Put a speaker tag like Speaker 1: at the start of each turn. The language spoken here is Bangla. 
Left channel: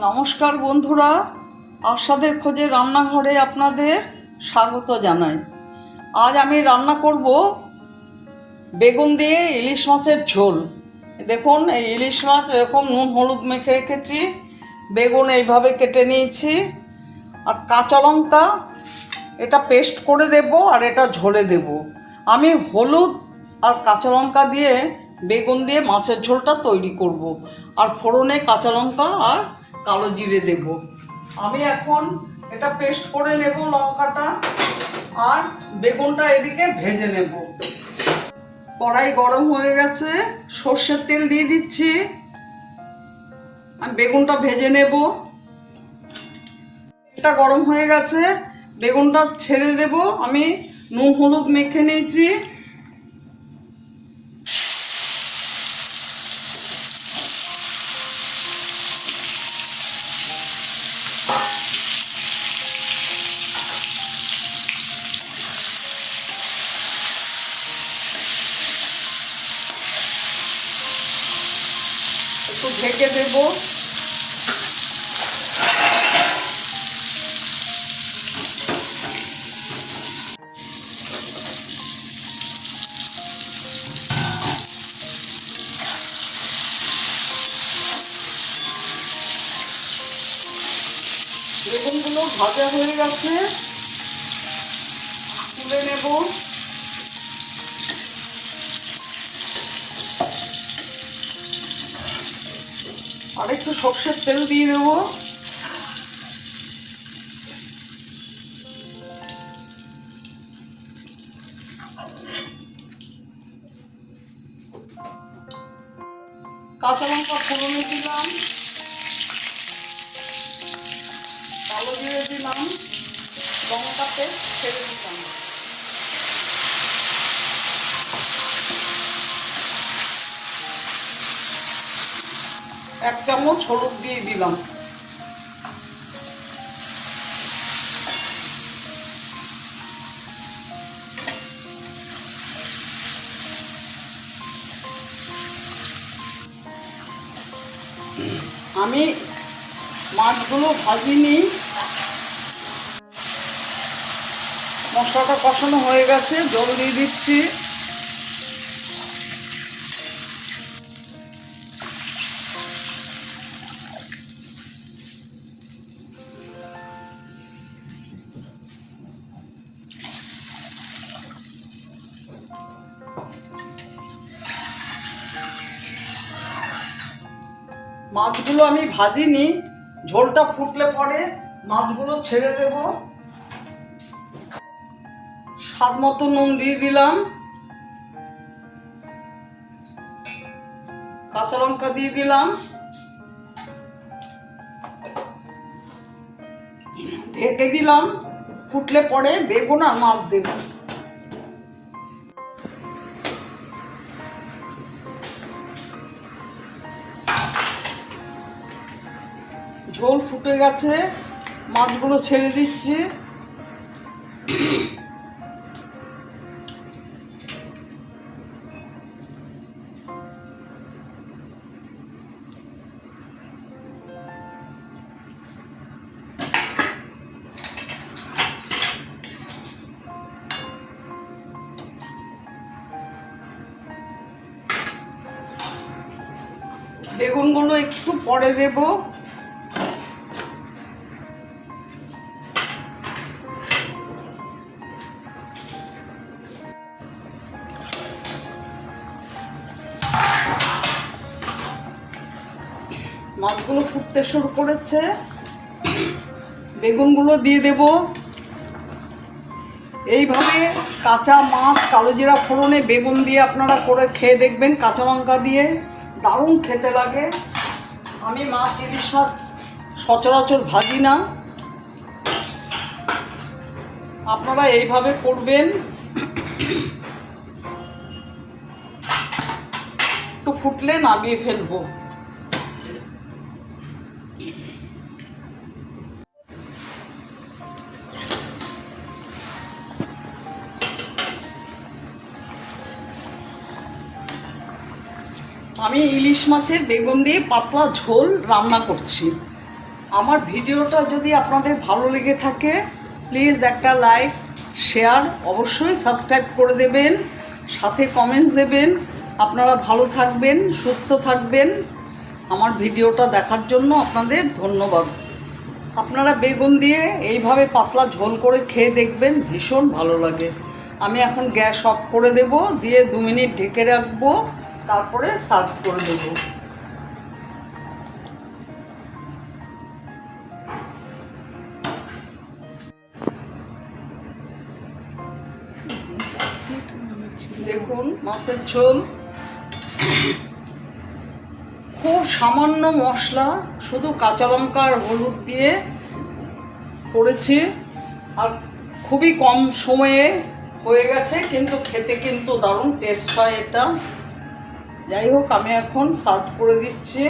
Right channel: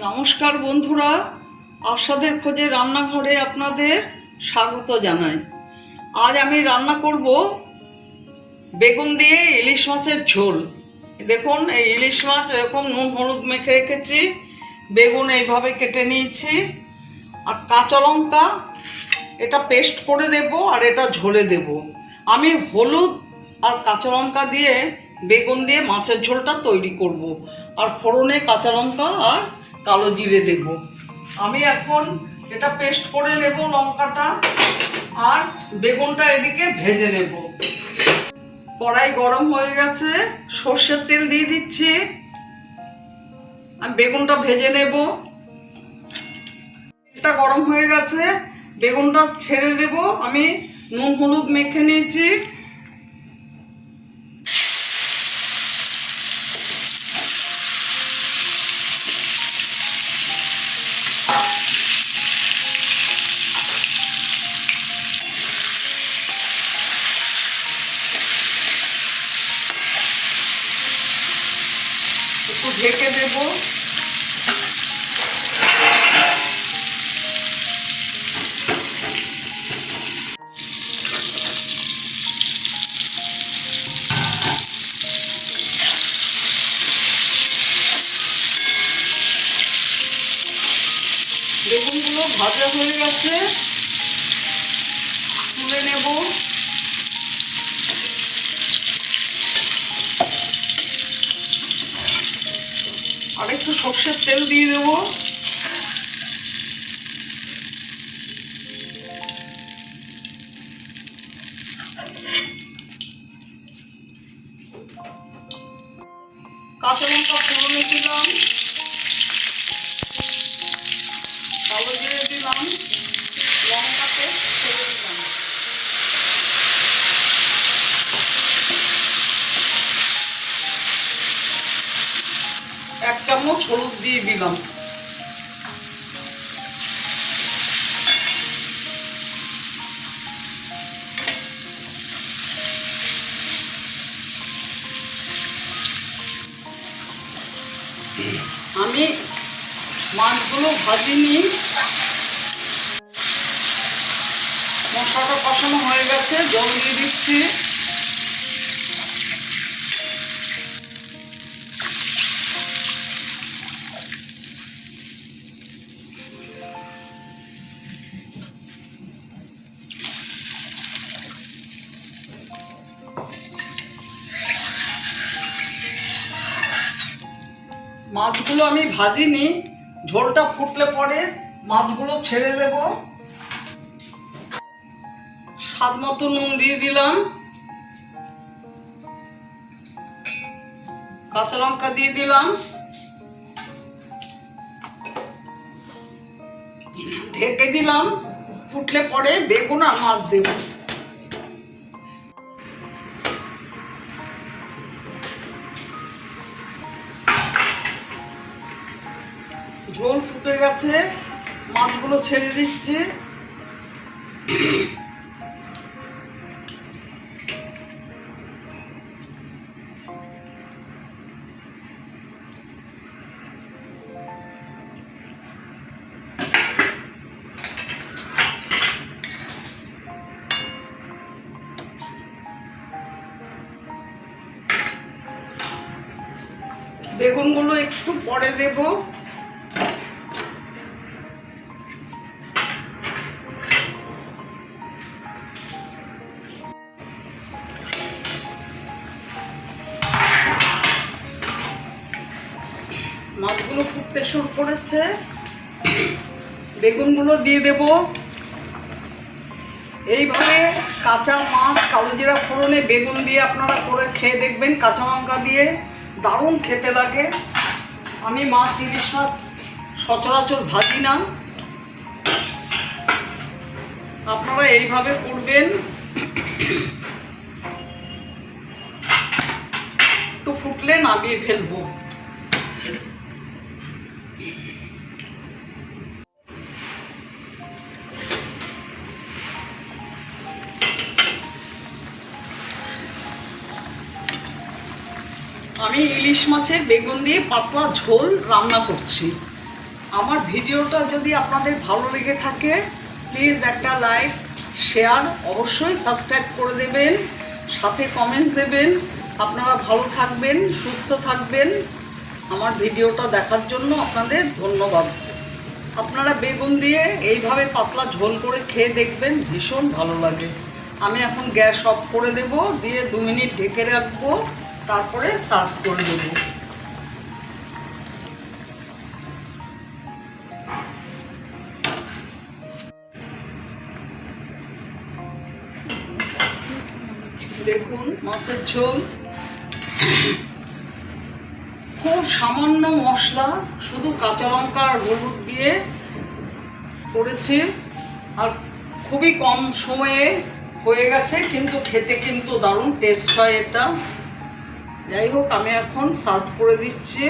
Speaker 1: নমস্কার বন্ধুরা, আশাদের খোঁজে রান্নাঘরে আপনাদের স্বাগত জানাই। আজ আমি রান্না করব বেগুন দিয়ে ইলিশ মাছের ঝোল। দেখুন, এই ইলিশ মাছ এরকম নুন হলুদ মেখে রেখেছি, বেগুন এইভাবে কেটে নিয়েছি, আর কাঁচা লঙ্কা, এটা পেস্ট করে দেব আর এটা ঝোলে দেব। আমি হলুদ আর কাঁচা লঙ্কা দিয়ে বেগুন দিয়ে মাছের ঝোলটা তৈরি করব। আর ফোড়নে কাঁচা লঙ্কা আর কালো জিরে দেব আমি এখন এটা পেস্ট করে নেব লঙ্কাটা, আর বেগুনটা এদিকে ভেজে নেব। কড়াই গরম হয়ে গেছে, সর্ষের তেল দিয়ে দিচ্ছি। আমি বেগুনটা ভেজে নেব। এটা গরম হয়ে গেছে, বেগুনটা ছেড়ে দেব। আমি নুন হলুদ মেখে নিয়েছি। একটু ঢেকে দেব। বেগুনগুলো ভাজা হয়ে গেছে তুলে নেব আর একটু সর্ষের তেল দিয়ে দেবো। কাঁচা লঙ্কা ফোড়নে দিলাম কালো জিরে দিলাম লঙ্কাতে ছেড়ে দিলাম এক চামচ হলুদ দিয়ে দিলাম। আমি মাছগুলো ভাজিনি। মশলাটা কষানো হয়ে গেছে, জল দিয়ে দিচ্ছি। মাছগুলো আমি ভাজিনি, ঝোলটা ফুটলে পরে মাছগুলো ছেড়ে দেব। স্বাদ মতো নুন দিয়ে দিলাম। কাঁচা লঙ্কা দিয়ে দিলাম। ঢেকে দিলাম। ফুটলে পরে বেগুন আর মাছ দেবো। ঝোল ফুটে গেছে মাছগুলো ছেড়ে দিচ্ছি। বেগুনগুলো একটু পরে দেবো। মাছগুলো ফুটতে শুরু করেছে। বেগুনগুলো দিয়ে দেব। এইভাবে কাঁচা মাছ কালো জিরা ফোড়নে বেগুন দিয়ে আপনারা করে খেয়ে দেখবেন, কাঁচা লঙ্কা দিয়ে। দারুণ খেতে লাগে। আমি মাছ, ইলিশ মাছ সচরাচর ভাজি না। আপনারা এইভাবে করবেন। একটু ফুটলে নামিয়ে ফেলব। আমি ইলিশ মাছের বেগুন দিয়ে পাতলা ঝোল রান্না করছি। আমার ভিডিওটা যদি আপনাদের ভালো লেগে থাকে প্লিজ একটা লাইক শেয়ার অবশ্যই সাবস্ক্রাইব করে দেবেন, সাথে কমেন্টস দেবেন। আপনারা ভালো থাকবেন, সুস্থ থাকবেন। আমার ভিডিওটা দেখার জন্য আপনাদের ধন্যবাদ। আপনারা বেগুন দিয়ে এইভাবে পাতলা ঝোল করে খেয়ে দেখবেন, ভীষণ ভালো লাগে। আমি এখন গ্যাস অফ করে দেব, দিয়ে দু মিনিট ঢেকে রাখব। তারপরে সার্ভ করে দেবো। দেখুন, মাছের ঝোল। খুব সামান্য মশলা, শুধু কাঁচা লঙ্কা আর হলুদ দিয়ে করেছি। আর খুবই কম সময়ে হয়ে গেছে, কিন্তু খেতে কিন্তু দারুণ টেস্ট হয় এটা। যাই হোক আমি এখন সার্ভ করে দিচ্ছি।